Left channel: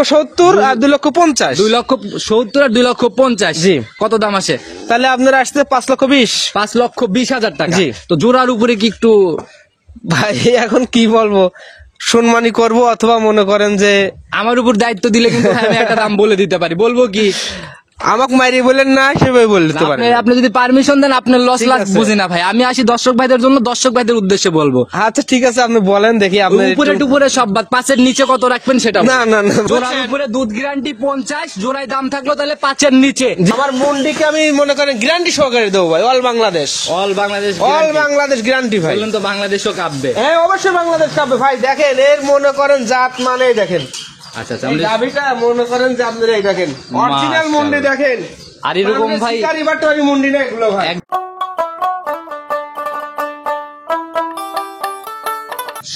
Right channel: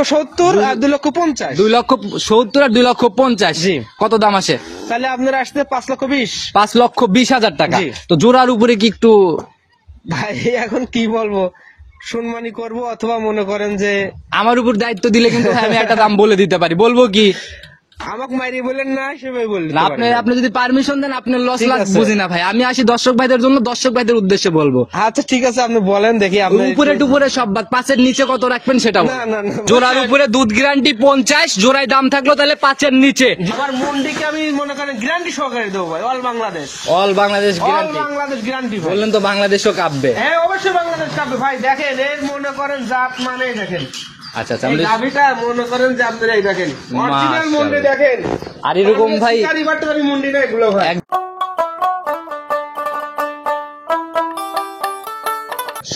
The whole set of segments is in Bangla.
70 আর 2,50,000 2,70,000 আর 2,50,000 জি। কত দাম আসে? তাহলে আপনারা আসতে 5,20,000 5,20,000 টাকা। জি। তো জোড়ার উপরে কি একটু ভাই এখন কি বলবো, সম্মানী করব অথবা মনে করেন যে আমার উপর দায়িত্ব দিলে কিন্তু ভাই আমি একটা দাম বলে দিতে পারি, বলবো কি? আমাকে মারি বলেন না সেভাবে বলতে পারেন। আপনি যদি পারমিশন দেন, আপনার লস ঠিক লাভ আছে। বুঝি না ভাই, আমি আসি দর্শক ভাইদের জন্য, দর্শক ভাইদের উদ্দেশ্যে বলবো। আচ্ছা ঠিক আছে, আপনি বলেন দেখি আপনি উপরে টুপুরে সব বাদ, 5-এর নিচে কত রাখবেন সেটা বলুন। না না না জোড়ার উপরে দুধ গ্যারান্টি 50, জোড়ায় দাম থাকলো তাহলে 5-এর নিচে। আমার মন্ডিকে আমি মনে করেন গ্যারান্টি সহকারে দেবো ভাই, অল বাংলাদেশ গ্যারান্টি ভাই। বললেন তো বাংলাদেশও কাঁপবে। হ্যাঁ অবশ্যই বাংলাদেশ কাপে ভাই, দেখেন এর মনে করেন জাত মানে দেখেন, আচ্ছা আচ্ছা, এই গাভীটা মনে করেন যে আপনারা এই দেখেন অরিজিনাল মুন্ডি দেখেন। আর এরকম ভাই কারিবাটারি মুন্ডি না এগুলো ভাই।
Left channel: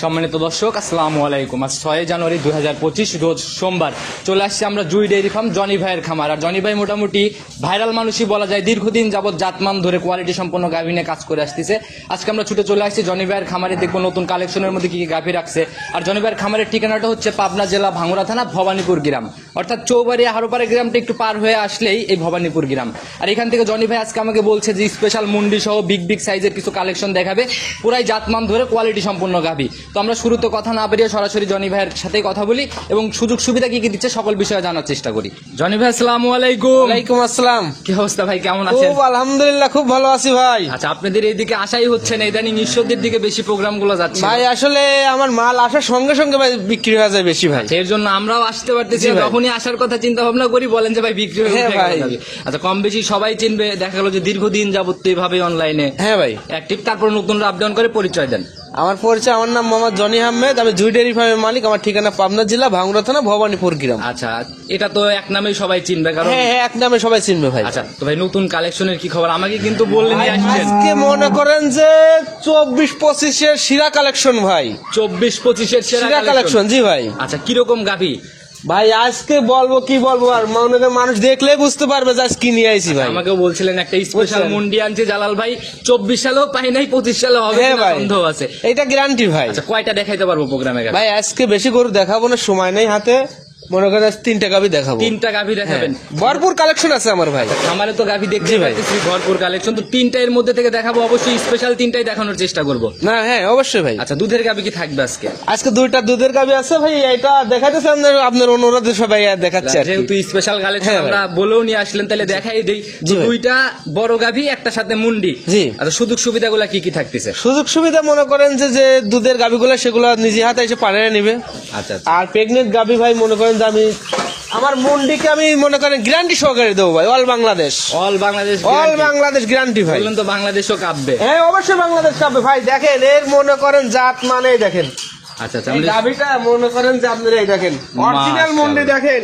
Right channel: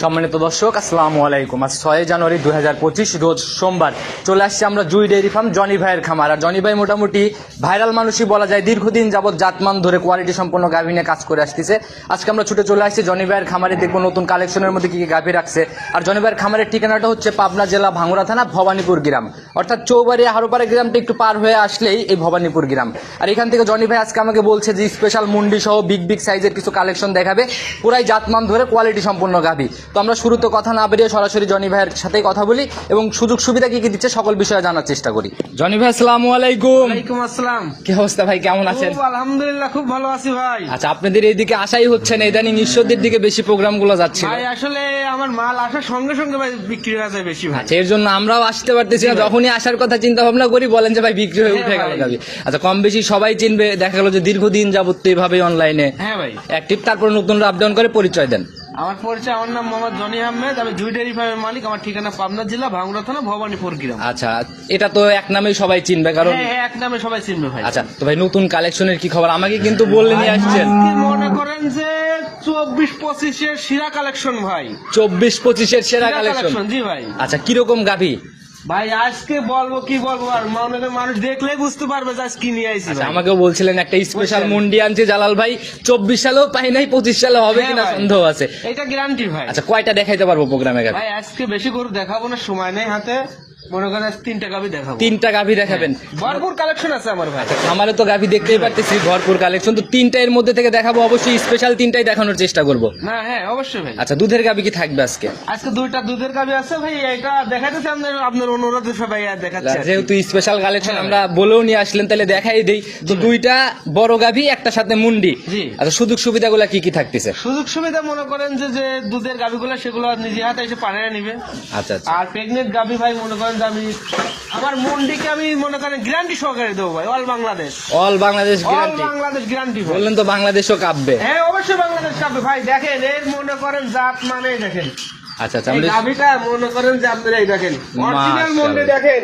সম্মানিত দর্শক, আসসালামু আলাইকুম। আজ 6 জানুয়ারি 2025 রোজ সোমবার চলে আসছি আমরা জুই ডেইরি ফার্ম জনি ভাইয়ের খামার। আর জনি ভাই মোটামুটি ভাইরাল মানুষই বলা যায়, দীর্ঘদিন যাবত জাতমান ধরে কোয়ালিটি সম্পন্ন গাভী নিয়ে কাজ করে আসতেছে। আজকে আমরা ছুটে চলে আসছি জনি ভাইয়ের খামারে, দেখবো নতুন কালেকশনের মধ্যে কি কি গাভী রাখছে। আর জনি ভাইয়ের খামারের ঠিকানাটা হচ্ছে পাবনা জেলা ভাঙ্গুড়া থানা ভবানীপুর গ্রাম, অর্থাৎ চৌবাড়িয়া হারোপাড়া গ্রামটা একটু পার হয়ে আসলেই এই ভবানীপুর গ্রাম। আর এখান থেকে জনি ভাই আজকে আমাকে বলছে যে স্পেশাল মুন্ডি সহ বিগ বিগ সাইজের কিছু কালেকশন দেখাবে, পুরাই জাতমান ধরে কোয়ালিটি সম্পন্ন গাভী। তো আমরা শুরুতে কথা না বেরিয়ে সরাসরি জনি ভাইয়ের সাথেই কথা বলি এবং সুযোগ সুবিধা কি কি দিচ্ছে সকল বিষয়ে জানার চেষ্টা করি। জনি ভাই আসসালামু আলাইকুম। ওয়ালাইকুম আসসালাম। কি অবস্থা ভাই, কেমন আছেন? খুব আলহামদুলিল্লাহ, খুব ভালো আছি ভাই। আচ্ছা, আপনাদের এইদিকে আসাই হচ্ছে না, ইদানিং ঈশ্বরদের দিকে বেশি প্রোগ্রাম গুলো যাচ্ছে ভাই আসলে আমার মাল আসার সঙ্গে সঙ্গে ভাই বিক্রি হয়ে যায় বেশি ভাই। এর জন্য আমরাও আসতে পারতেছি জি না। ভাই। যখনই আসার কথা চিন্তা ভাবনা করি বলেন যে ভাই বিক্রি হয়ে হ্যাঁ উঠে ভাই। যাবে। আচ্ছা, কম বেশি সবাই চিনবে, দেখা গেল যে দীর্ঘদিন যাবত এইভাবে অনলাইনে হ্যাঁ ভাই, অ্যাক্টিভ। তারপর নতুন আপ ডাউন করে পরিচয় দেন। আমার পরিচয়, আমার নাম মোহাম্মদ জনি আহমেদ, আমি জুই ডেইরি ফার্মের মালিক। আমার ঠিকানা পাবনা জেলা ভাঙ্গুড়া থানা ভবানীপুর গ্রাম। আচ্ছা, এটা তো এক নামেই সবাই চিনবে কারণ হ্যাঁ হ্যাঁ, এক নামে সবাই চিনবে ভাই। আচ্ছা, তো ভাই নতুন কালেকশনের কি খবর আমাকে কিন্তু বললেন আসছেন? আজকে মনে করেন যে 24-25 এর সেরা কালেকশন ভাই। 24-25 এর সেরা সেরা কালেকশন। কালেকশন জি ভাই। আচ্ছা, কিরকম গাভী? ভাই আজকে বলবো কি বলবো, আর মনে করেন মানুষ দেখলে বুঝতে পারবে যে আজ কি নিয়ে আইছি ভাই। আমাকেও বলছিলেন একটা স্পেশাল বুঝছেন? মুন্ডি আনছে জালাল ভাই, 24 সালেও পাই নাই, 25 সালে হবে হ্যাঁ কিনা ভাই। সন্দেহ আছে। এটা গ্যারান্টি ভাই। আচ্ছা, কয়টা দেখাইতে পারবো প্রোগ্রামে গাভী? ভাই আজকে বেশি করে দেখাবো না, সময় নেই হাতে। মনে করেন আজ 3টা গাভী দেখাবো। 3টা গাভী দেখাবেন? ভরপুর কালেকশন আছে আমার ভাই। আমারে তো গাভী দেখতেই জি ভাই। পাচ্ছি ভরপুর কালেকশন, তো 3টা এর মধ্যে থেকে দেখাবো, অবশ্যই স্পেশাল 3টাই দেখানোর চেষ্টা করবো। না হ্যাঁ অবশ্যই ভাই। আচ্ছা, দুধের গাভী কি থাকবে আজকে? আজকে 2টা দুধের গাভী আছে ভাই, এটা দেখাইতেছে আপনার অনুরোধে সবাই দেখাচ্ছে আর কি। যেহেতু স্পেশাল কালেকশন হ্যাঁ আমরা বলেও নিয়ে আসলেন, তাহলে দেখাই দেই যে জি ভাই। 2টা বড় গাভী, একটা সাথে মুন্ডি। জি। আচ্ছা, সুযোগ সুবিধাগুলো কি কি থাকতেছে? সুযোগ সুবিধা মনে করেন যে যে দুধের গাভীগুলো সেগুলো নিজে হাতে এসে পাড়ে নিবে। আচ্ছা আচ্ছা, আর প্রেগনেন্ট গাভী ভাই মনে করেন যে আমি আমার মন্ডিকে আমি মনে করেন গ্যারান্টি সহকারে দেবো ভাই, অল বাংলাদেশ গ্যারান্টি ভাই। বললেন তো বাংলাদেশও কাঁপবে। হ্যাঁ অবশ্যই বাংলাদেশ কাপে ভাই, দেখেন এর মনে করেন জাত মানে দেখেন, আচ্ছা আচ্ছা, এই গাভীটা মনে করেন যে আপনারা এই দেখেন অরিজিনাল মুন্ডি দেখেন।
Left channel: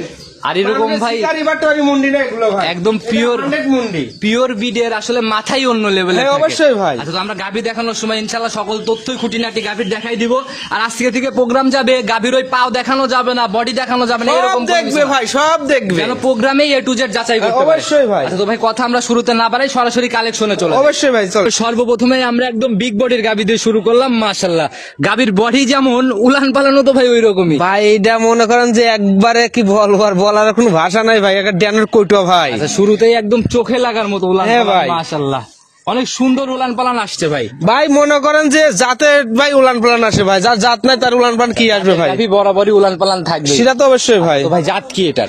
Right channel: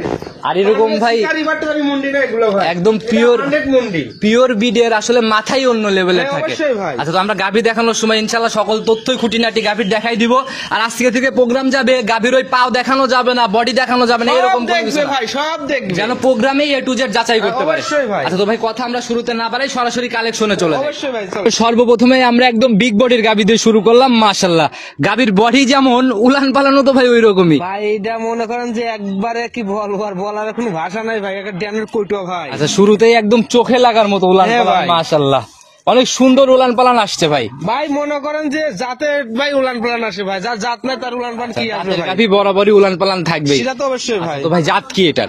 আর এরকম ভাই কারিবাটারি মুন্ডি না এগুলো ভাই, একদম পিওর 100 মুন্ডি। পিওর বিডের আসলে মাথাই অন্য লেভেলে হ্যাঁ, থাকে। অবশ্যই ভাই। আচ্ছা, তো আমরা গাভী দেখানোর সময় ইনশাআল্লাহ সকল তথ্যই খুঁটিনাটি গাভীর দেখাই দিব। আর আজকে থেকে প্রোগ্রাম যাবে, গাভীর ওই পাও দেখানো যাবে না, বডি দেখানো যাবে না, এরকম সব কোনো কিছু দেখবে না। ভাই, সব দেখবে যেন প্রোগ্রামে A to Z যাচাই করতে পারে। অবশ্যই ভাই। আচ্ছা, তো ভাই কথা আমরা শুরুতে না বাড়াই, সরাসরি কালেকশনে চলে যাই। অবশ্যই ভাই চল। সর্বপ্রথমে আমরা একদম বিগ বডির গাভী দিয়ে শুরু করলাম। মাশাআল্লাহ, গাভীর বডি যেমন উলান পালানো তো ভাই ওই রকমই। ভাই এটা মনে করেন যে একবারে কি বলবো, আর বলার কোনো ভাষা নাই ভাই, একটা ড্যানের কইটো ভাই। আচ্ছা, শুরুতেই একদম চোখে লাগার মতো উলান হ্যাঁ পালান। ভাই। মাশাআল্লাহ, অনেক সুন্দর উলান পালান আসছে ভাই। ভাই মনে করেন যে জাতে ভাই উলান পালান আসে ভাই, যার জাত নাই তার উলান পালান কি আসবে ভাই, গাভী বরাবরই উলান পালান থাকবে। সেটা তো অবশ্যই ভাই। তো ভাই জাত কি এটা?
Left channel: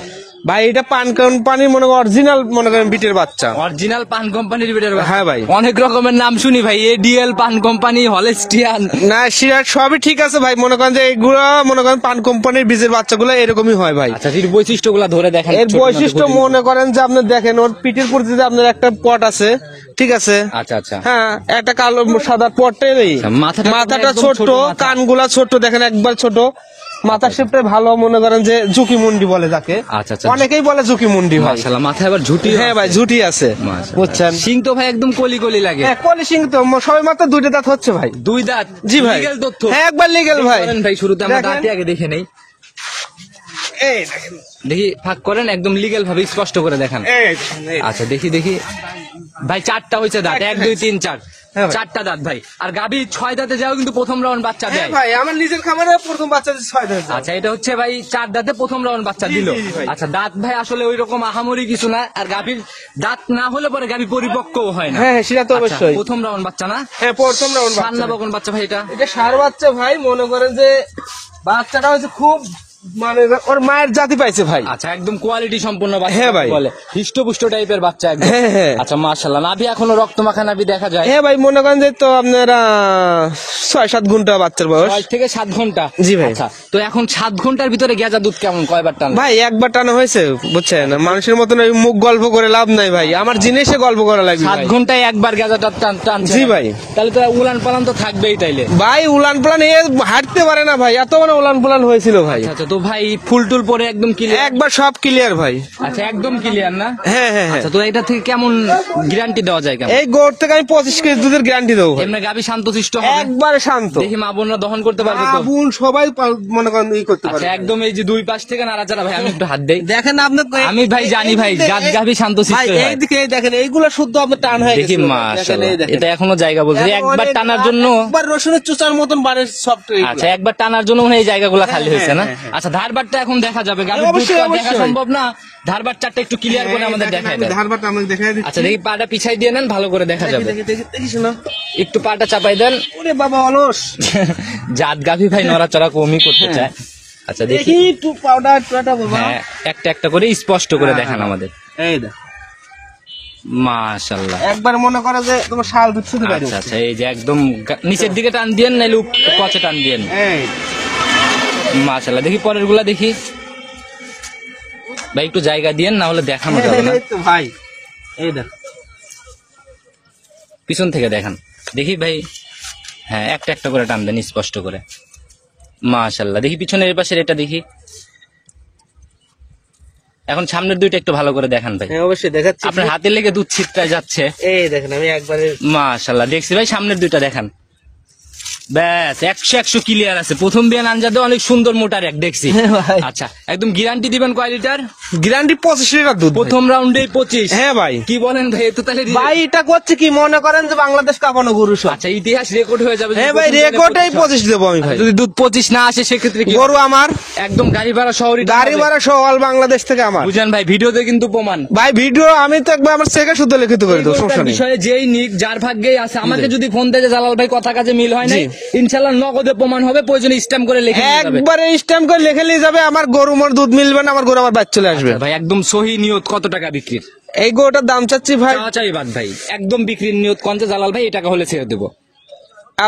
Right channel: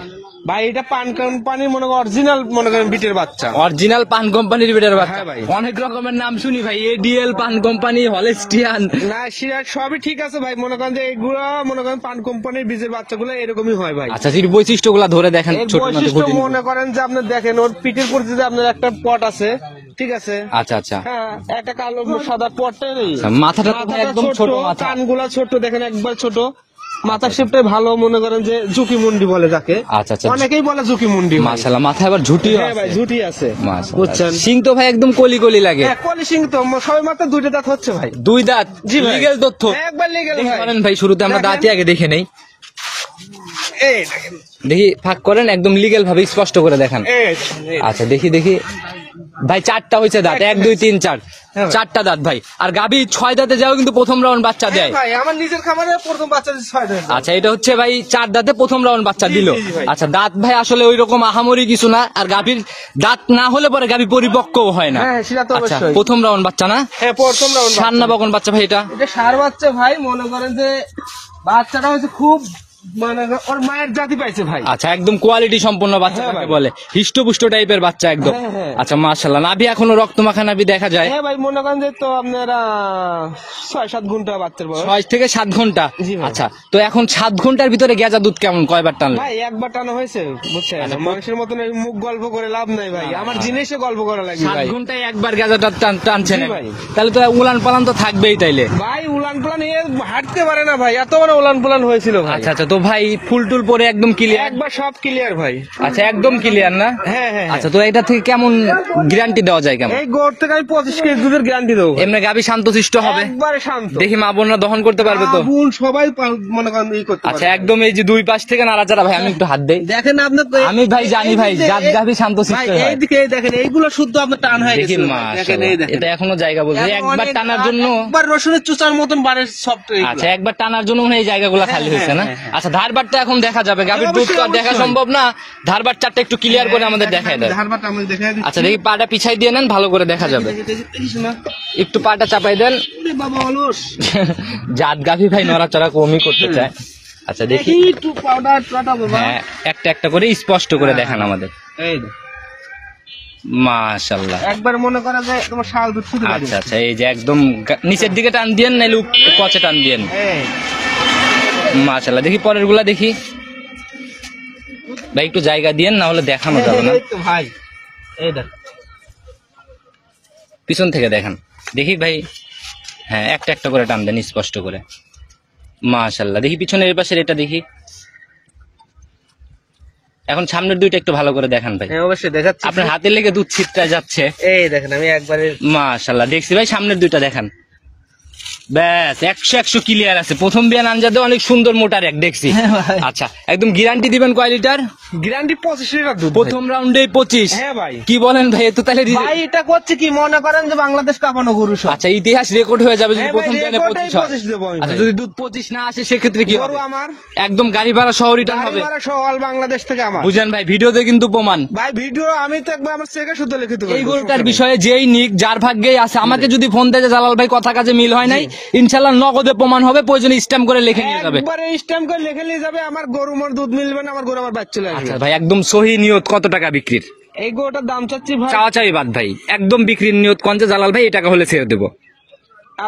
ভাই এটা পান কোম্পানি মনে করেন অরিজিনাল মনে করেন বিটের বাচ্চা। অরিজিনাল পান কোম্পানির বিটের বাচ্চা? হ্যাঁ ভাই। অনেক রকমের নাম শুনি ভাই, এডিএল পান কোম্পানি, হলস্টিয়ান। না সেটা সবই ঠিক আছে ভাই, মনে করেন যে এগুলো মনে করেন পান কোম্পানির বীজের বাচ্চাগুলো এরকমই হয় ভাই। আচ্ছা, যদি বৈশিষ্ট্যগুলো ধরে দেখেন। এর ছোট বৈশিষ্ট্য নাটক মনে করেন যে আপনি দেখেন ওর পিঠের প্রতি যে আপনার একটা পট আছে, ঠিক আছে। আচ্ছা আচ্ছা, হ্যাঁ একটা কালো সাদা পটে নেই, মাথাটা ছোট, ছোট মাথা। কানগুলা ছোট, দেখেন একবার ছোট, মাথার শেপটাই ভালো, মনে করেন যে ঝুঁকি মুন্ডি বলে তাকে। আচ্ছা আচ্ছা, অনেকেই বলে ঝুঁকি মুন্ডি ভাই। মাশাআল্লাহ, মাথায় আবার ঝুটি। হ্যাঁ ভাই ঝুঁটি আছে, বুঝছেন। সিং তো ভাই একদম কলি কলি লাগে। হ্যাঁ কলি সিং তো সবাই মাত্র 2টা দাঁত হচ্ছে ভাই। 2 দাঁত? জি ভাই। লিগ্যাল তথ্য? হ্যাঁ একবার লিগ্যাল ভাই। বলেন ভাই, শুরুতে আমরা দেখেন। দাঁতই আগে দেখে নেই। এই দেখেন, দেখি ফাঁক করেন, একদম লিগ্যাল ভাবে স্পষ্ট করে দেখান। এই আচ্ছা, দেখি দেখি ভাই, 4টা হয়েছে দাঁত, 1 2 3 4। হ্যাঁ ভাই। 4টা দাঁত ভাই। আর গাভী 6 দাঁতে যাও কিন্তু প্রথম রাউন্ড বাচ্চা হ্যাঁ দেয়। ভাই, আমার নিজের খামারে প্রথম বাচ্চা দিচ্ছে 6 দাঁত। আচ্ছা, এটা হচ্ছে ভাই 4 দাঁতে প্রথম রাউন্ড বাচ্চা জি, দিল। জি, ভাই। আচ্ছা, দাঁত ভাই আসলে ওই রকম আহামরি কিছু না। আর গাভীর দাঁত না হলে পরে গাভী পরিপক্কও হয় না। হ্যাঁ, সেটা তো আচ্ছা, অবশ্যই। প্রথম রাউন্ড বাচ্চা না? হ্যাঁ, প্রথম রাউন্ড সার না বকন বাচ্চা ভাই এটা? এটা সার বাচ্চা ভাই। মনে করেন যে বাচ্চাটা হচ্ছে খুব মানে ওর মায়ের জাতি পাইছে ভাই। আচ্ছা, একদম কোয়ালিটি সম্পূর্ণ বাচ্চা হ্যাঁ ভাই। বলে, হিষ্টপুষ্ট টাইপের বাচ্চা একদম। হ্যাঁ, হ্যাঁ। আচ্ছা, মাশাআল্লাহ, নাভি এখনো রক্ত মাখা নাভি দেখা যায়। হ্যাঁ ভাই, মনে করেন যে তো আপনার 6-7 ঘন্টা বাচ্চার বয়স। 6 থেকে 7 ঘন্টা। জি ভাই। আচ্ছা, তো এখন 7 ঘন্টার ভিতরে গেজা দুধ কেমন, কয়বার টানলো? ভাই একবার টানা হয়েছে, বুঝছেন? মানুষের মতন ওই মুখ গল্প করে লাভ নাই ভাই, আমার জিনিসে গল্প করা লাগবে 7 ভাই। ঘন্টায় একবার গেজাটা টানছে? জি ভাই। তাহলে তো উলান পালান তো থাকবেই তাইলে। ভাই উলান পালান এ হাঁটতে পারে না ভাই, এত বড় উলান পালান হয়েছিল ভাই। আচ্ছা আচ্ছা, তো ভাই ফুল টুল পরে একদম ক্লিয়ার? একবার সব ক্লিয়ার ভাই। আচ্ছা, একদম ক্লিয়ার না? হ্যাঁ হ্যাঁ হ্যাঁ। আচ্ছা, তো এটা থেকে কেমন গ্যারান্টি দেওয়া যায় কেমন? এই গোড় থেকে আমি 25 কেজি দুধের গ্যারান্টি দেবো। এমনি গাভী শান্তশিষ্ট হবে? একবারে শান্ত। দেখি মা বোনরা দহন করতে পারবে তো? বোন সবাই মনে করেন ই করতে আচ্ছা, পারে। একদম এই যে দুই পাশ থেকে নাড়াচাড়া ভাই, আমি একটু হাত দেই। দেখেন আপনি আমি ভাই জানি ভাই, গাভী শান্তশিষ্ট ভাই, হয়। এইদিকে দেখেন এইগুলো শুদ্ধ আপনার টান হয়ে দেখি গেছে। মাশাআল্লাহ, এটা এখনো জায়গা বলছে একবার টানার জন্য। একবার রসুনের চুচার মতন বাড়ে সব তো এইগুলা। আচ্ছা, একবার টানার জন্য মনে হয় এই জায়গাগুলো খালি হয়েছে না? হ্যাঁ, হ্যাঁ। আচ্ছা, ধারবারটা এখন দেখা যাবে, গাভীর দুধ তো আর দেখা অবশ্যই। সম্ভব না। ধারবার চারটা একটু ক্লিয়ার করে আমাদের দেখায় দেয়। ধারবারটা আমি দেখাই দিচ্ছি। আচ্ছা, দেখি পাটা পিছাই দিয়ে নেন, ভালো করে দেখা যাবে। দেখিস না? একটু পাটা চাপাই দেন। ওরে বাবা অলস। জাত গাভী ভাই নড়াচড়া কমই করতে চায়। আচ্ছা, দেখি। দেখি একটু পাউডার টাটা বাবা। হ্যাঁ, একটা একটা করে স্পষ্ট করে দেখান আমাদের। এই দেখ, মাশাআল্লাহ। একবার মনে করে যে তোমার শাল দুধ শুধু বাড়ি। আচ্ছা আচ্ছা, এই যে একদম নিচের দিকে টান দিয়েন, নাইলে কচে টান দিয়েন। এই মাশাআল্লাহ, দেখি পরের গুলা দেখি ভাই, একটু জায়গা দিয়েন, না হলে দেখানো যাবে না। এই তো ভাই, এই দেখ। পিছন থেকে দেখান দেখি ভাই। হ্যাঁ, একটা একটা করে টান দেন স্পষ্ট করে। মাশাআল্লাহ, দেখি পিছনের এই পাশের এটা দেখি। এখন সামনের দুইটা একটু ভালো করে দেখান ভাই। হ্যাঁ, অবশ্যই দেখাচ্ছি। আপনার হাতে লেগে দুধ ছিটটা যাচ্ছে। এই দেখেন আমি একবারে মাশাআল্লাহ, দেখছি ভাই, সামনের দুইটা দেখান। ব্যাস 100 ক্লিয়ার আছে। প্রথম বিয়ান আনজাদে অনেক সুন্দর মোটার এক দেখছি। হ্যাঁ ভাই। আচ্ছা, একদম গ্যারান্টি দিবেন কয় লিটার? গ্যারান্টি 25 লিটার দুধ। প্রথম রাউন্ডেই 25? হ্যাঁ ভাই। কি বলেন ভাই, এত তাহলে ভাই এটা করছে কি মনে করেন যে বাংলাদেশ কাঁপানো গরু সব। আচ্ছা, ইতিহাস রেকর্ড হয়ে যাবে যদি হ্যাঁ ভাই, প্রথম বিয়ানে রেকর্ডেই 25 হয়। 25 দেবো আমি ভাই। যদি দুধ 25 না আসে সেক্ষেত্রে কি গরু হবে? আমার, একদম গাড়ি ভাড়া শহরই গাড়ি ভাড়া সহ অল বাংলাদেশ থেকে আমার। বুঝেন ভাই, ভিডিওতে কিন্তু প্রমাণ। ভাই ভিডিও আমি তো একবার আমার চেকে শুদ্ধ লিখিত করে এই দেবো, গরুটার সমস্যা নেই। বিষয়ে যেই নিক যার ভাগ্যেই আছে, আমাকে যদি ফোন দেয় যে জালাল ভাই কথা কাজে মিল হয় নাই, ইনশাআল্লাহ নগদে প্রমাণ হবে, প্রয়োজনে স্ট্যাম্প করে লিখে নিয়ে যাবে। একবারে স্ট্যাম্প করে লিখে নিয়ে যাবে, আমার গরু মোর দুধ মিলবে না, আমার গরু আমার বাচ্চা চলে আসবে। আচ্ছা ভাই, একদম সহি নিয়ত কত টাকা বিক্রির? এই গরুটার দাম চাচ্ছি ভাই চাওয়া চাই বাদ ভাই, একদম বিক্রির নিয়ত কঞ্চে জালাল ভাই, এই টাকা হলে ছেড়ে দেবো।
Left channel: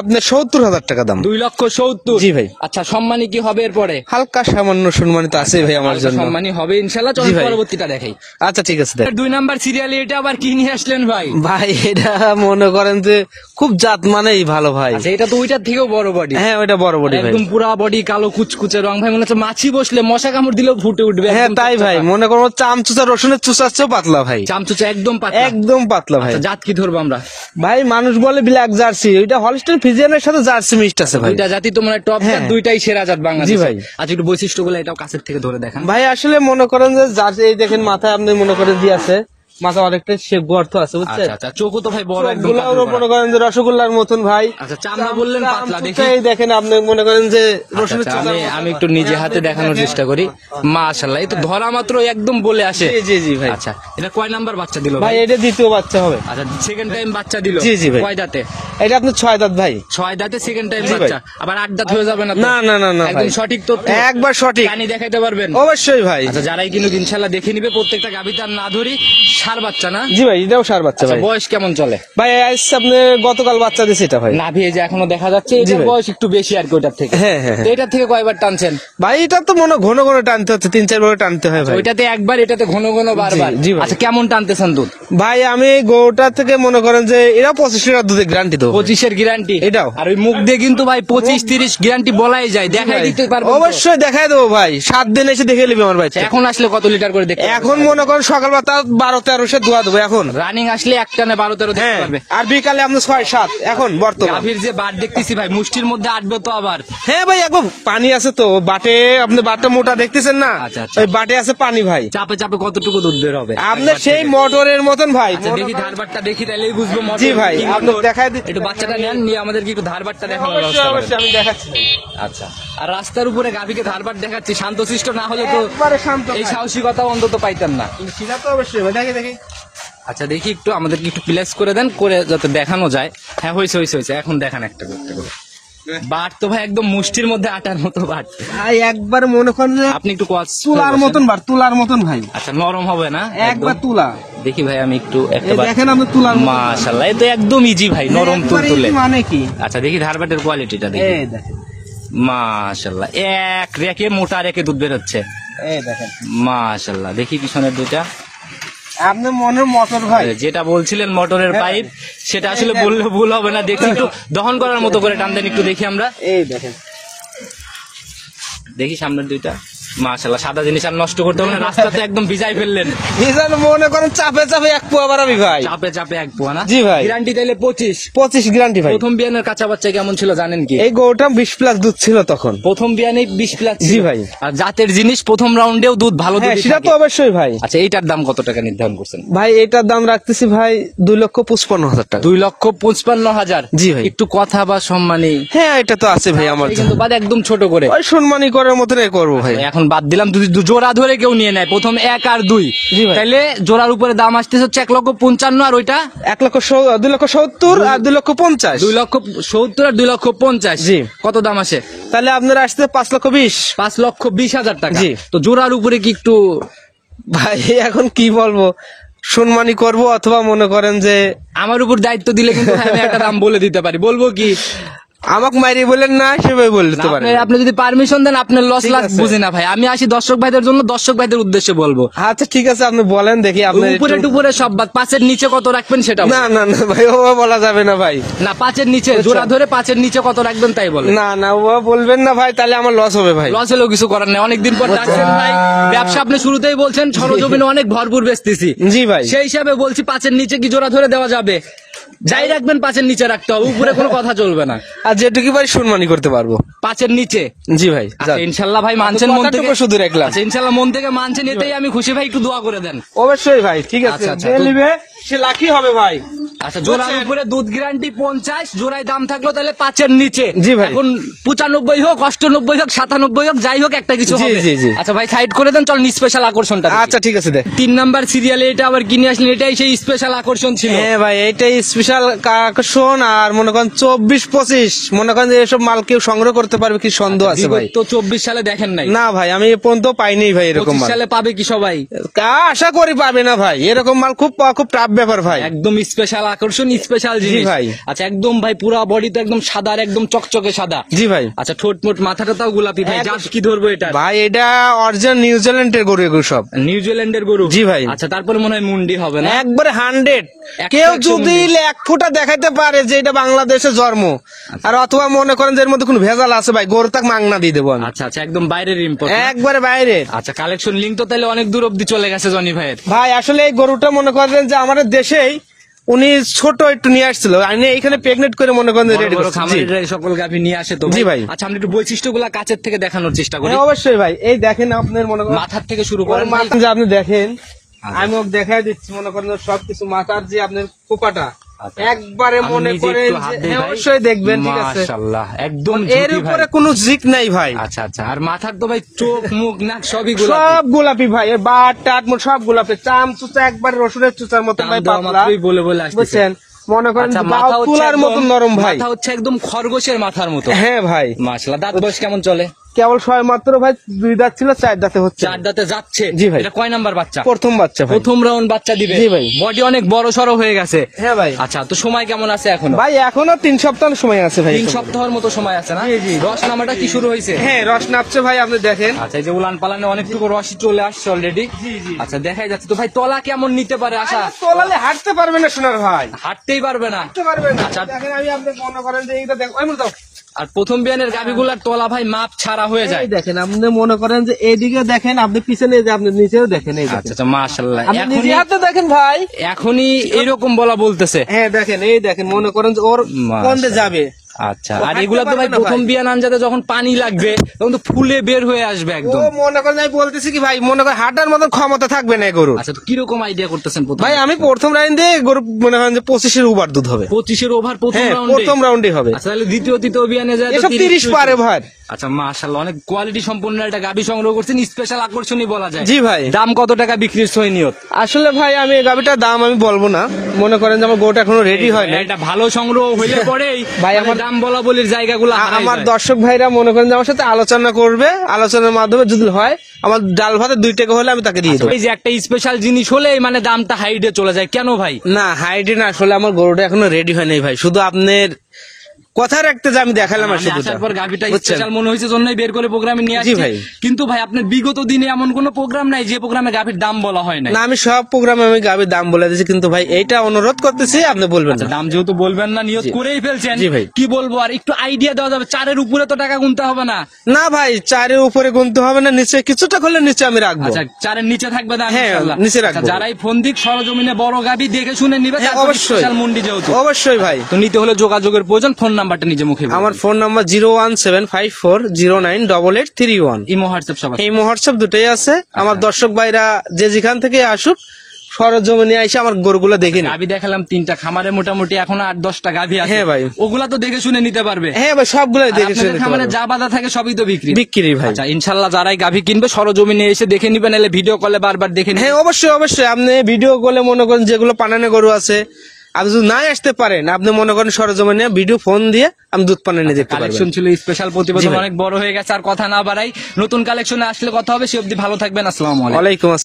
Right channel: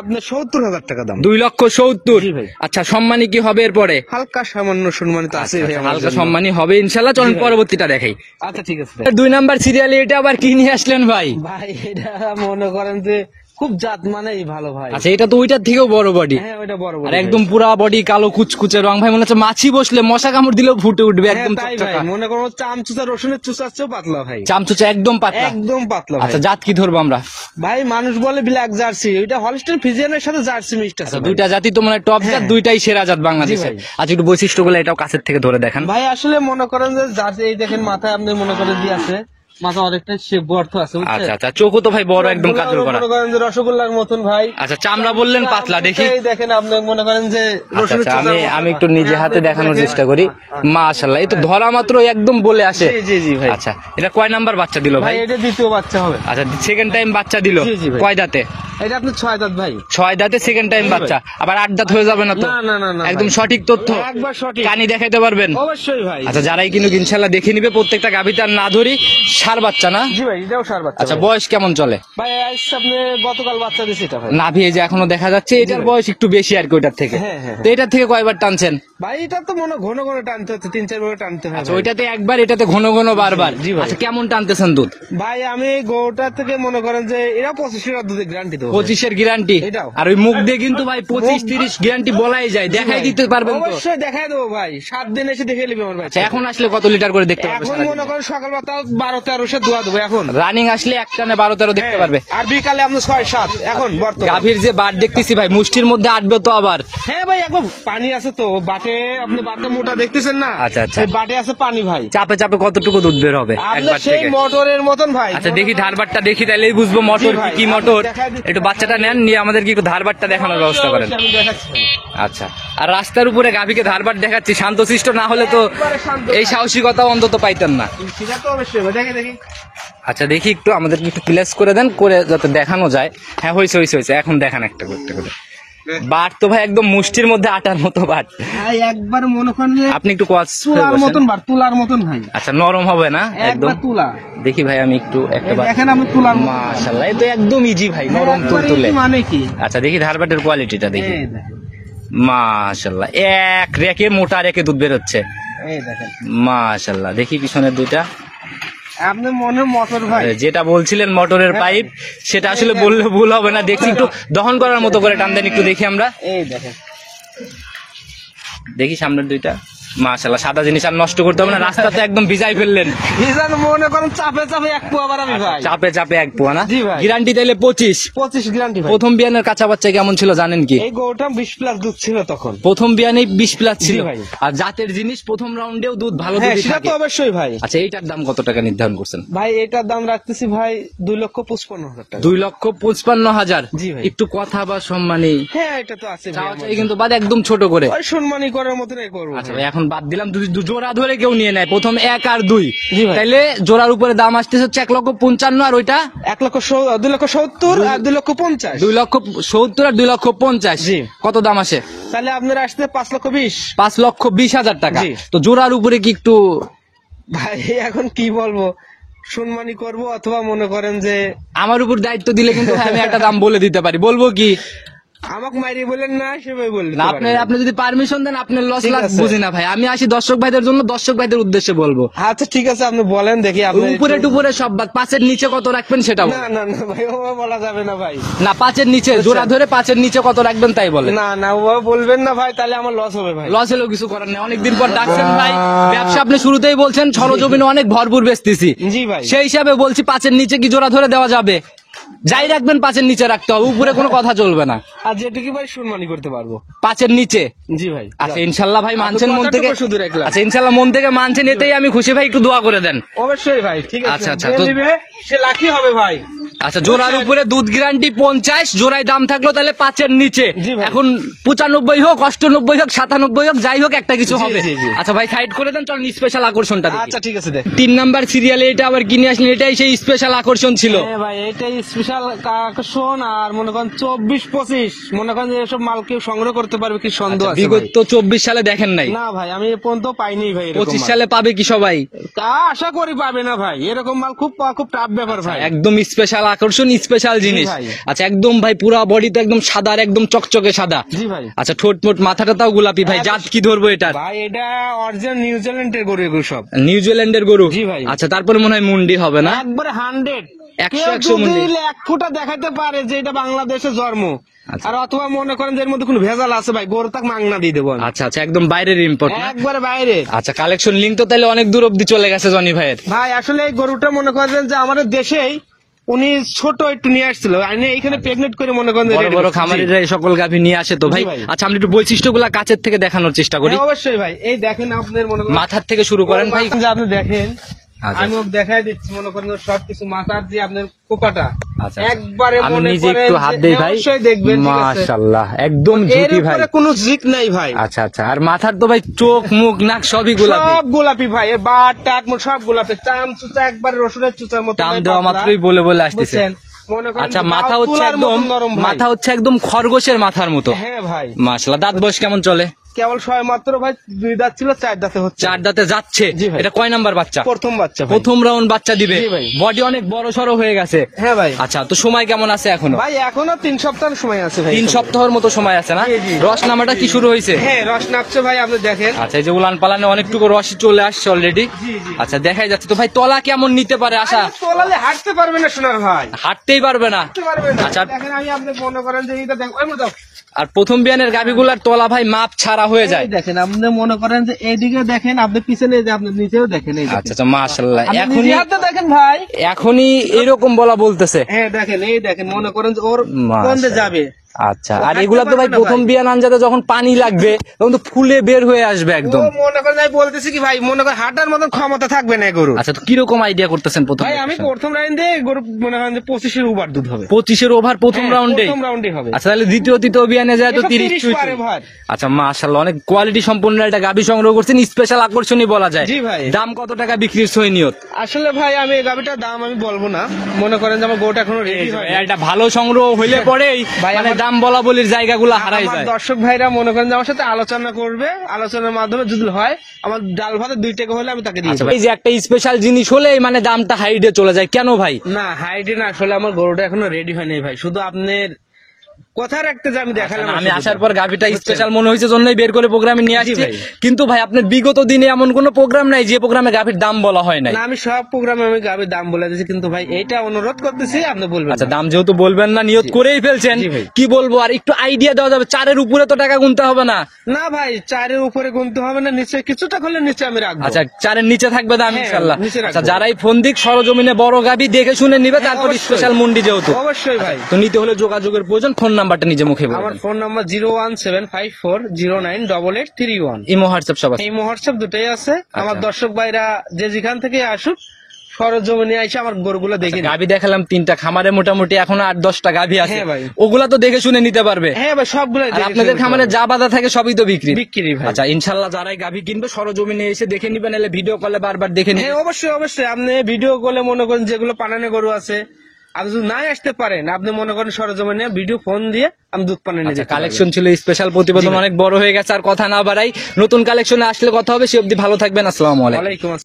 আপনার 70,000 টাকা দাম। 2,70,000। জি ভাই। আচ্ছা, সম্মানী কি হবে এরপরে? হালকা সামান্য সম্মানিত আছে ভাই আমার আচ্ছা, জন্য। সম্মানী হবে ইনশাআল্লাহ। চলুন জি ভাই। পরবর্তীটা দেখাই। আচ্ছা ঠিক আছে দেখ। 2 নাম্বার সিরিয়ালে এটা আবার কি নিয়ে আসলেন ভাই? ভাই এটা মনে করেন যে খুব জাত মানেই ভালো ভাই। আচ্ছা, এটা তো ওইটার থেকেও বড় বডি। হ্যাঁ ওইটা বড় বড় একদম পুরা বডি কালো কুচকুচে রং ভাই, মনে হচ্ছে মাছি বসলে মশা কামড় দিলেও ফুটে উঠবে। হ্যাঁ একদম তাই চকচকা। ভাই, মনে করো চামচুচা রসুনের চুচার চেয়েও পাতলা ভাই। চামচুচা একদম পাতলা। একদম পাতলা ভাই। আচ্ছা, জাত কি ধরবো আমরা? ভাই মানুষ বলে ব্ল্যাক জার্সি, এটা হলস্টাইন ফ্রিজিয়ানের সাথে জার্সি মিক্সড আছে ভাই। দুইটা জাতি তো মানে টপ জাত, হ্যাঁ। দুইটাই সেরা জাত বাংলাদেশে। জি ভাই। আচ্ছা, একটু বৈশিষ্ট্যগুলো এটাও কাছের থেকে ধরে দেখান। ভাই আসলে মনে করেন যে জার্সি, এই দেখেন মাথা আপনি মনে করেন দিয়ে আছে, মাথা অনেকটা সে গর্ত আছে বুঝছেন। আচ্ছা আচ্ছা, চোখও তো ভাই বড়, একদম কাতর করা। মনে করেন যে রসগোল্লার মতন ভাই। আচ্ছা, চামড়া বললেন পাতলা, দেখি। এই দেখেন আপনি মনে করেন যে রসুনের আচ্ছা, চুচার আমি মতন। একটু নিজে হ্যাঁ, হাতে আপনি দেখানোর দেখেন। চেষ্টা করি। মাশাআল্লাহ, এই তো ধরা মাত্র একদম বলে আসে। জি জি জি ভাই। আচ্ছা, এটা কয় নাম্বার বাচ্চা দিল ভাই ভাই? এটা দ্বিতীয় বাচ্চা হবে। আচ্ছা, সেকেন্ড টাইম বাচ্চা দিল। জি, জি ভাই। কয় দাঁতে? এটা আপনি 6 দাঁত ভাই। 6 দাঁতে সেকেন্ড টাইম জি ভাই। বাচ্চা, আবার 8 দাঁত হয়ে যাবে না তো? না না না না একদম ভাই। সঠিক তথ্য, একবার সঠিক। কানি দেখাইতে পারবেন? অবশ্যই ভাই। আচ্ছা, যারাই কিনুক ইনশাআল্লাহ দেখে নিবে, প্রত্যেকটা গাভীতে আর না ধরি, ষাঁড় বাচ্চা না? জি ভাই, এটাও সার বাচ্চা আচ্ছা, ভাই। বয়স কেমন চলে? ভাই আজ আপনি গতকাল বাচ্চা দিয়েছে এটা ভাই। নাভি এই যে এখনো দেখা যাচ্ছে, এটার ভাই। বয়স একটু বেশি আর কি ওইটার থেকে। হ্যাঁ, হ্যাঁ, তো এটার থেকে কয়বার টানছেন? ভাই এটা তো মনে ঘন ঘন টানতে হচ্ছে, 3-4 বার টানতে হয় ভাই। ওইটাতে একবার, এটাতে ঘন ঘন বারবার। জি ভাই। আচ্ছা, কেমন টানতেছেন দুধ? ভাই আমি গরুটা থেকে মনে করেন যে এরা 25 লিটার দুধের গ্যারান্টি দেবো। 25-এর গ্যারান্টি? এটাও। আর ওই মুখ দিয়ে কিন্তু ভাই 25-30 গ্যারান্টি বলাই যায়, দেখাই দিতে পারবেন তো? অবশ্যই দেখাই দেবো ভাই, 7 দিন এসে দেখে নিবি আমার ভাই। আচ্ছা, এখন আসলে কত লিটার করে দেখতে পারবেন? এখন মনে করেন সকালবেলা 12-13 12-13 দোয়া দেবো এখন। রানিং আসলে একটানে 12-13 দেখতে হ্যাঁ, পারবে। আর বিকালে আপনি 6-7 এখন বর্তমান। গাভীর যে বাট দেখতেছি ভাই মুষ্টির মধ্যে আটবে তো আবার। হ্যাঁ ভাই, এখন পানি আছে তো বাটে, আপনি বাটটা মোটা দেখতেছেন না? আচ্ছা, আচ্ছা। ওই বাটে আছে পানি ভাই। চাপে চাপে কতটুকু দুধ বের হবে আপনার একবার সেই থেকে? মোটরের মতন ভাই। আচ্ছা দেখি ধারবারটা দেখি, তাহলেই বুঝবো জি মোটর ভাই, কি আমি মোটর। দেখাই দিচ্ছি। একটু বাচ্চাটা নেন, নিয়ে আমাদেরকে একটু ধারবারটা দেখানোর ব্যবস্থা করেন। আমি দেখাচ্ছি ভাই। আচ্ছা, আর রাস্তার উপরে গাভীকে ধারবার দেখাচ্ছি, শান্তশিষ্ট না হলে তো একবারে শান্ত এই ভাই। সাহসিকতা অন্তত পাইতেন না। সেটা তো অবশ্যই ভাই, দেখি। আচ্ছা দেখি একটু আমাদেরকে একটু প্লেস করে দেন, করে যাতে দেখানো যায়। হ্যাঁ হয়েছে, এখন দেখান একটা করে। বাট তো ভাই একদম মুষ্টির মধ্যে আটার মতো বাট। ভাই একবার মনে করেন যে আপনি একটু কস তুলার মতন বাট, তুলার মতন ভাই, আচ্ছা নরম হবে না একদম? একবার তুলা। দেখি ভাই আমি একটু একটা এই বার। দেখেন আপনি তুলার মতন। মাশাআল্লাহ, এটা একদম ইজি ভাই, নরম তুলতুলে। মানে কি? আচ্ছা দেখি ধারবাটের কোয়ালিটিটা দেখি। এই দেখেন, মাশাআল্লাহ, এক রেকে মোটা রেকে দুধ বের হচ্ছে। এই দেখেন মাশাআল্লাহ, দেখি পিছনের দুইটা। আপনি মনের মোটর ভাই। যেটা বলছিলেন মোটরের পাইপ, সেটা আসলে বললে ভুল হবে না। দেখি একটু দহন করার মতো করে টান দেন, একটু দেখি আমরা। এই দেখেন, দেখি সামনের দুইটা। মাশাআল্লাহ, সাদা জিনিস আর নষ্ট করতে হবে না, রাস্তাতে একদম ভিজাই ফেললেন। ভিজান মনে করেন চাপে চাপে এক পোয়া বাড়াবি ভাই। চাপে চাপে এক পোয়া না? জি ভাই। গ্যারান্টি তাইলে 25 গ্যারান্টি ভাই। প্রথম বিয়ানের কাঁচা বাচ্চা কেমন ছিল জানেন কি? এই গরুটা 20+ দুধ ছিল তখন। প্রথম বিয়ানে 20+ ছিল জি ভাই। আর জাতের জিনিস প্রথম রাউন্ডেও দুধ ভালো হ্যাঁ, দুধই সেটা থাকে। তো অবশ্যই ভাই। আচ্ছা এইটার দাম কত টাকা নির্ধারণ করছেন? ভাই এটার দাম রাখতেছি ভাই 2,55,000 টাকা। 2,55,000। জি ভাই। একটু কথা বা সম্মানী হ্যাঁ, এটা তো আছে ভাই আমার। কিন্তু বাদ একদম ছোট করে। ওই সম্মানী করার মতন করবো ভাই। এখন বাদ দিলাম, যদি জোড়া ধরে কেউ নিয়ে নেয় প্রথম 1 আর 2, জি ভাই। তাহলে জোড়ার উপরে দাম আসতেছে হচ্ছে 1,55,000 আর ওইটা 2,70,000 আর 2,50,000। 2,70,000 আর 2,50,000। জি। কত দাম আসে? তাহলে আপনার আসতে 5,20,000। 5,20,000 টাকা। জি। তো জোড়ার উপরে কি একটু ভাই এখন কি বলবো, সম্মানী করব অথবা মনে করেন যে আমার উপর দায়িত্ব দিলে কিন্তু ভাই আমি একটা দাম বলে দিতে পারি। বলবো কি? আমাকে মারি বলেন না, সেভাবে বলতে পারেন। আপনি যদি পারমিশন দেন, আপনার লস ঠিক লাভ আছে। বুঝি না ভাই। আমি আসি দর্শক ভাইদের জন্য, দর্শক ভাইদের উদ্দেশ্যে বলবো। আচ্ছা ঠিক আছে, আপনি বলেন দেখি। আপনি উপরে টুপুরে সব বাদ, 5-এর নিচে কত রাখবেন সেটা বলেন। না না না ভাই, ও বলা যাবে না ভাই। না 5-এর নিচে জোড়া ধরে 5-এর নিচে কত রাখবেন তাই বলেন। না না, ও বলবেন না ভাই, তাহলে আমার লস হবে ভাই। লস হলেও কিছু করার নেই, অনেকদিন পর ডাকছেন ভাই। ব্যবসা আপনি শুরুতেই বলছেন সরজমিনে অনেক ভরপুর বেচতেছি। জি ভাই। সেই হিসাবে বলছি 5-এর নিচে কি জোড়া ধরে দেওয়া যাবে? যাই রাখবেন 5-এর নিচে রাখতে হবে, উপরে কোনো কথা চলবে না। আর যেটুকু ভাই সম্মানী করতে পারবো। 5-এর নিচে। জি ভাই। আচ্ছা ইনশাল্লাহ ভাই মানছেন মন থেকে? কথাটুকু শুধু রাখলাম। আচ্ছা ইনশাল্লাহ মন থেকে মানছেন, এতেই আমি খুশি ভাই। একটু দোয়া করে দেন। অবশ্যই ভাই, ঠিক আছে। আচ্ছা, আচ্ছা, যে তো- নিবে সে লাকি হবে ভাই। আচ্ছা জোড়ার উপরে দুধ গ্যারান্টি 50, জোড়ায় দাম থাকলো তাহলে 5-এর নিচে। জি ভাই। এখন 95 হোক, 98 হোক, 97 হোক, যাই হোক একটা কিছু জি, হবে। জি, জি। আচ্ছা ভাই সাইড করে দেন, চল স্পেশাল আকর্ষণটা দেখি। আচ্ছা ঠিক আছে দেখ। 3 নাম্বার সিরিয়ালে এটা আবার কিনে আসলেন, এটাই সেই স্পেশাল আকর্ষণ ছিল। হ্যাঁ ভাই, এইটাই স্পেশাল আকর্ষণ। আর মনে করেন 24-25 মনে করেন যে এসব মাল কেউ সংগ্রহ করতে পারবে কি সন্দেহ আছে ভাই? বিগত 24 সালে দেখেন নাই? না ভাই, আমি এ পর্যন্ত পাইনি ভাই এরকম 25 মাল। সালে পাবে কি সবাই? আশা করি পাবে না ভাই, এরকম মাল খুব খুব টাফ ব্যাপার ভাই। একদম স্পেশাল আকর্ষণ, স্পেশাল জিনিস ভাই। আচ্ছা একদম ভাই পুরো বডি তো একদম সাদা, আর একদম চকচকে সাদা। জি ভাই। আচ্ছা ঠোঁট মোট মাথাটা তাও গোলাপি ভাই। জাত কি ধরবো এটা? ভাই এটা অরিজিনাল নিউজিল্যান্ডের গরু এগুলো সব। নিউজিল্যান্ডের গরু। জি ভাই। আচ্ছা তারপরে মনে হয় মুন্ডি হবে না? একবারে 100। 100 কেউ যদি মুন্ডি। 1 ফুটা দেখাইতে পারে যে এটা বাংলাদেশে জন্ম, আর অথবা মনে করেন যে এর মধ্যে কোনো ভেজাল আছে ভাই, গরু তাক মাংনা দিয়ে দেবো আমি। আচ্ছা আচ্ছা একদম বাইরের ইম্পোর্ট। একবারে বাইরে। আচ্ছা কালেকশন লিঙ্ক তো তাহলে অনেক দূর অব্দি চলে গেছে জনি ভাইয়ের। ভাই আসলে এই গরুটা মনে করেন যে আমাদের দেশেই উনি ছোট একটু নিয়ে আসছিল, আমি এখানে প্রেগনেন্ট করে মনে করেন যে বড় ready বড় করছি। খামারিরা এই সকল গাভী নিয়ে আসে তো জি ভাই। ভাই। আচ্ছা আমরা একটু বৈশিষ্ট্যগুলা কাছের থেকে দেখানোর চেষ্টা করি। হ্যাঁ, অবশ্যই ভাই। এই দেখেন আপনার মনে করেন মাথার থেকে শুরু করেন ভাই। যে আপনি দেখেন, আচ্ছা। আমি ওকে দেখাই দিচ্ছি মনে করেন সবকিছু মাথার যে আপনার কোপাটা আচ্ছা। একবারে আমি মনে নিজে করেন একটু হাত যে- দেই হ্যাঁ, ভাই। অবশ্যই দেখবেন, ঠিক আছে। মাশাআল্লাহ একদম এর ঝুটি ভাই। উপরে কোনো জিক নাই ভাই। আচ্ছা আচ্ছা আর মাথার তো ভাই চোখ মুখ নাক সবই গোলাপি। সব গোলাপি ভাই, এ বাট টাট মোট সব গোলাপি, চাম চুচা একবারে রসুনের চুচার মতো টান ভাই, দেওয়া পাতলা। মাত্রই বলে বলে আসতেছে। বুঝছেন? মনে করেন আচ্ছা যে মাথা দাও হচ্ছে তুলার মতন একদম নরম ভাই। মাথা হচ্ছে একদম খরগোশের মাথার মতো। হ্যাঁ ভাই। মাশাআল্লাহ দাঁত বয়স কেমন চলে? কেবল ছয় মাত্র ভাই, 2 দাঁত ছিল, 4 দাঁতে হচ্ছে। 4 দাঁতে যাচ্ছে। জি ভাই। এটা কয় নাম্বার বাচ্চা? প্রথম বাচ্চা ভাই। প্রথম রাউন্ড বাচ্চা দিবে। জি ভাই। বডি অনেক বড় সড়ো হয়ে গেছে। হ্যাঁ ভাই। আচ্ছা তো সময় কেমন আছে এখন? ভাই এখনো 3 সপ্তাহ সময় আছে ভাই। 3 সপ্তাহের মতো সময় আছে না? জি, জি। রস নামাটা কি শুরু হয়েছে? হ্যাঁ, রস নাপছে ভাই, আপনি দেখেন। আচ্ছা এই যে উলান পালানে অনেকটুকু রসই চলে আসছে অলরেডি। জি, জি। আচ্ছা দেখাই যাচ্ছে। তো ভাই তলা কেমন নিতে পারে আশা? তোলালে হাঁটতে পারবে না সোনার ভাই, হাঁটতেই পারবে না। হাঁটতে পারবে না। আচ্ছা। দেখেন আমি আপনি মনে করেন যে এইটা দেখো, এই দাও। আর প্রথম বিয়ানের গাভিগুলার তলা ভাই মাপ ছাড়া হয়ে যায়। এই দেখেন, আপনি মনে করেন যে এদিকে দেখেন, আপনি পিছনে যে আপনি নিচেও দেখেন, এই দেখেন। আচ্ছা আচ্ছা, মাশাআল্লাহ। আপনি নিজে হাতে দেখেন ভাই। এখনই এরকম বলা বলতেছে। হ্যাঁ দেখেন, এই দেখেন, মনে করেন যে ওর কন্দে যাবে। আচ্ছা, আর এগুলা তো ভাই প্রথম বিয়ান আনজাতে যখন পানি লাগবে তখন তো ফুলে বের হয়ে আসবে একদম। ও মনে করেন, আমি বলতেছি কি ভাই, মনে করেন হাঁটার মতন ক্ষমতা থাকবে না গরু। আচ্ছা, তো কিরকম আইডিয়া করতেছেন প্রথম? ভাই আমি প্রথম রাউন্ডে গরু মনে করেন যে 25-এর ওভার দুধ হবে। 25-এর ওভার প্রথম হ্যাঁ, রাউন্ডে? প্রথম রাউন্ডে হবে। আচ্ছা, তাহলে দ্বিতীয় তৃতীয় বিয়ানে যায় তো এসব 30 পারে ভাই। আচ্ছা মাশাআল্লাহ, অনেক কোয়ালিটি সম্পন্ন একটা গাভী সংগ্রহ করছেন, স্পেশাল আকর্ষণীয় বলা যায়। জি ভাই। দাম কত টাকা বিক্রির সই নিয়ত? আসলে ভাই আমি এই গাভিটার দাম আমি বলবো না, মনে করেন যে আমার গরুটা এখনো রেডি হয় না। এটা ভালো সংগ্রহ হইলে পরে ভাই, মানে আমার- দাম বলা বলির জায়গাগুলো হারাই আমার যায়। দর্শক ভাইরা মনে করেন যে আমার সাথে আলোচনা করবে, আলোচনার মাধ্যমে যদি হয়, আমার ডাল ভাতে 2 টাকা হলে আমি তাকে দিয়ে আচ্ছা, দেবো। এই যে একটা স্পেশাল জিনিস হলে মানে দামটা হাইডে চলে যায় কেন ভাই? না হাইডে না, আসলে আমার গরুটা এখনো রেডি হয় নাই ভাই, শুধু আপনার কথা রাখতে যে আমি দেখালাম। আমি আসার পর গাভিটা বুঝছেন? স্পেশাল মনে হয়েছে জন্যই বের করে প্রোগ্রামে নিয়ে আসছি। জি ভাই। কিন্তু ভাই আপনার বিগত দিনে এমন কোন প্রোগ্রাম নাই যে প্রোগ্রামে গাভির দাম বলা হয় না? না আমি সব প্রোগ্রামে আমি গাভির দাম বলে দিয়েছি, কিন্তু ভাই এইটা অনুরোধ করতেছি আপনি বলবেন আচ্ছা, না। দাম যেহেতু বলবেন না, নিয়ত জি। করেই ফেলছেন। জি ভাই। কি বলবো আর, একটু আইডিয়া দেওয়া যাবে? 4-এর উপরে তো টাকা গুনতে হবে না? না ভাই, 4-এর উপরে গুনতে হবে না, নিচে কিছুটা করলে নিচে আমি রাখবো। আচ্ছা, 4-এর নিচে থাকবে দাম হ্যাঁ, ইনশাআল্লাহ। নিচে রাখবো। আচ্ছা, যারাই ফোন দিক সরজমিনে বড় গাভি দেখে শুনে নিবে, হ্যাঁ, তারপর অবশ্যই। স্পেশাল মন্ডি যেহেতু। অবশ্যই ভাই। তো নিতে হলে যোগাযোগের প্রয়োজন, ফোন নাম্বারটা নিজে মুখে বলুন। আমার ফোন নাম্বার 01754098831। ইমো হোয়াটসঅ্যাপ সবাই। এই হোয়াটসঅ্যাপ দুটোই আছে। আমার দর্শক ভাইরা যে যেখান থেকে আসুক, সরজমিনে এসে আমার গরুগুলো দেখে নিন। গাভি দেখালাম 3টা, খামারে মোটামুটি এখন 8-10টা গাভি আছে। হ্যাঁ ভাই। ওগুলা তো দেখে শুনে নিতে পারবে। হ্যাঁ ভাই, সবগুলো আর দেখে আপনাদের শুনে খামারে নিতে যা বাধা থাকে সবই তো বিক্রি পারবো। বিক্রি ভাই। আচ্ছা, ইনশাল্লাহ যারাই গাভি কিনবে সরজমিনে এসে দেখে নিবেন, এলে ভিডিও কলে বারবার দেখে হ্যাঁ নিবেন। অবশ্যই অবশ্যই, আপনি ভিডিও কলে মনে করেন যেগুলো পানানো গরু আছে, আপনি যদি না আসতে পারেন, আপনি মনে করেন সরজমিনে ভিডিও ফোন দিয়ে আমি দুধ পানি নিয়ে যেতে পারবো। কালেকশন ছিল স্পেশাল, প্রতিবেদন জি ভাই। অনেক বড় হয়ে গেছে, আর কথা না বাড়াই, নতুন কালেকশনে আসলে কথা হবে। সে অবধি ভালো থাকবেন, আসসালামু আলাইকুম। ওয়ালাইকুম আসসালাম।